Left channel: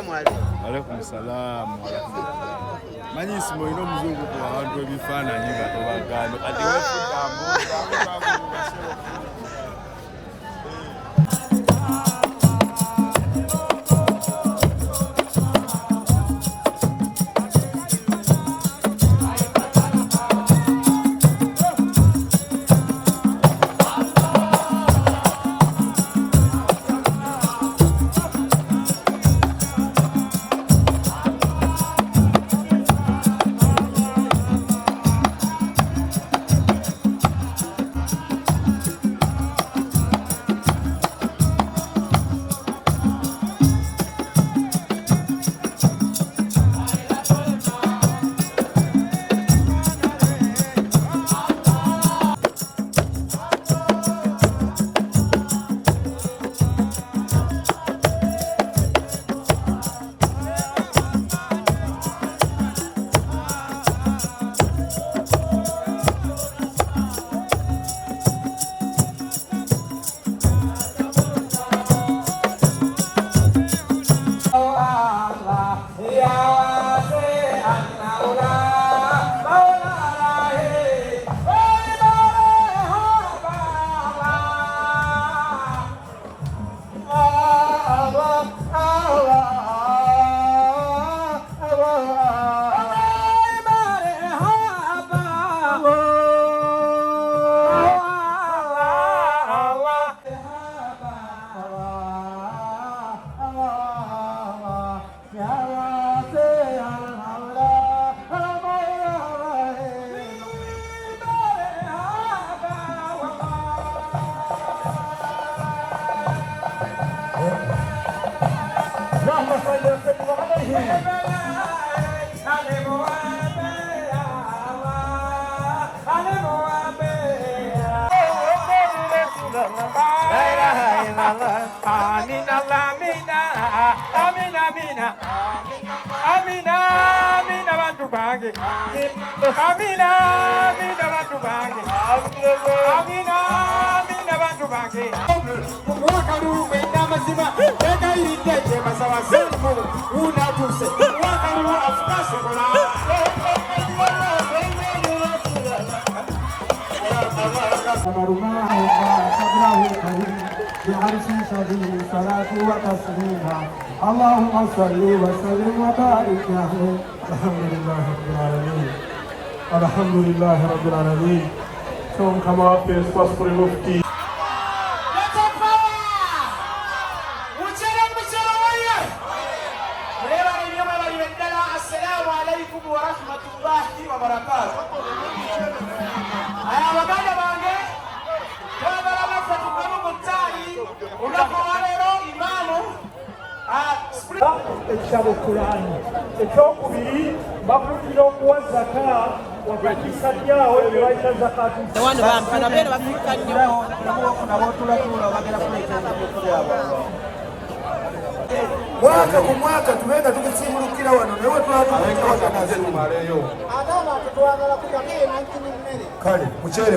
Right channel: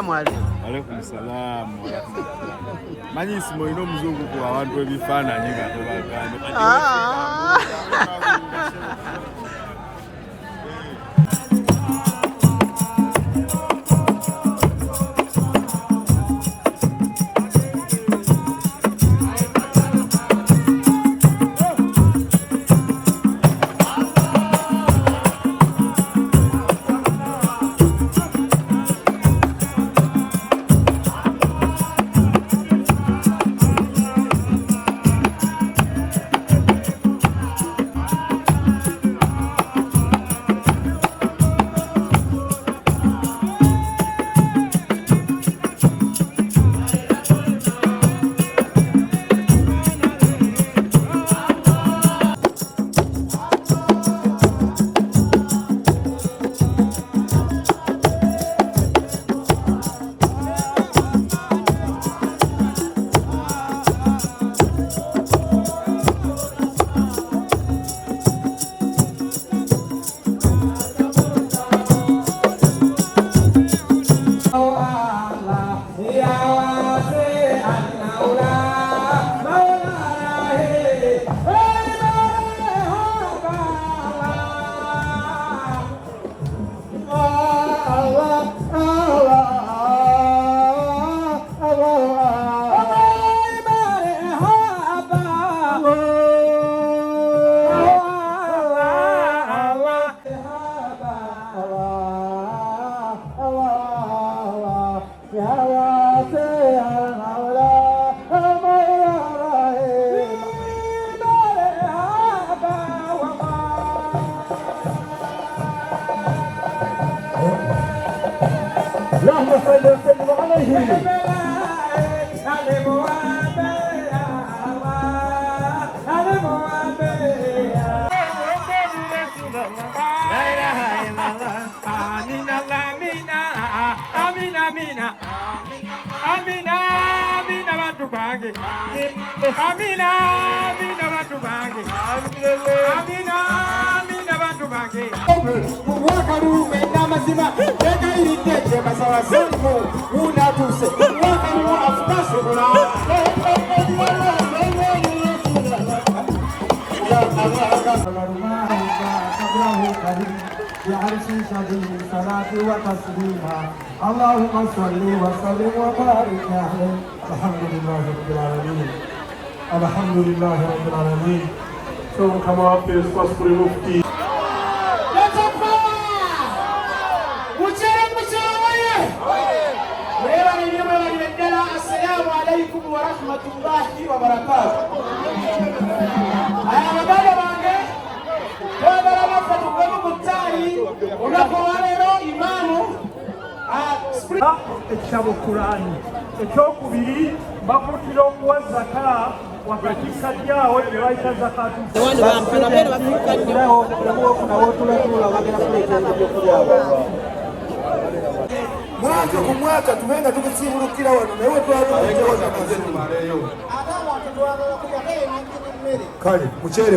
Salamu alaykum. Alaykum salaam wa rahmatullah. Manyisi moino mzungu kwa abantu ebifaananyi katobagane. اللهم صل وسلم وبارك عليه. الحمد لله رب العالمين. الحمد لله رب العالمين. So come up here, Pastor Mufti. Assalamu alaikum wa rahmatullahi wa barakatuh. Aya magana bange wabala bafatugamo mutai unakowarero imamu ekitabo Kurani ekyokubiri bakutira okuwa zaka wakati sajjawo ebyayita zakatu wano bampana bera bafika nnyo bagenda kuleeta ebyokulya mwaka ku mwaka tubeera tukusimbulukira wano naye twatukujoza nazo kale mukyere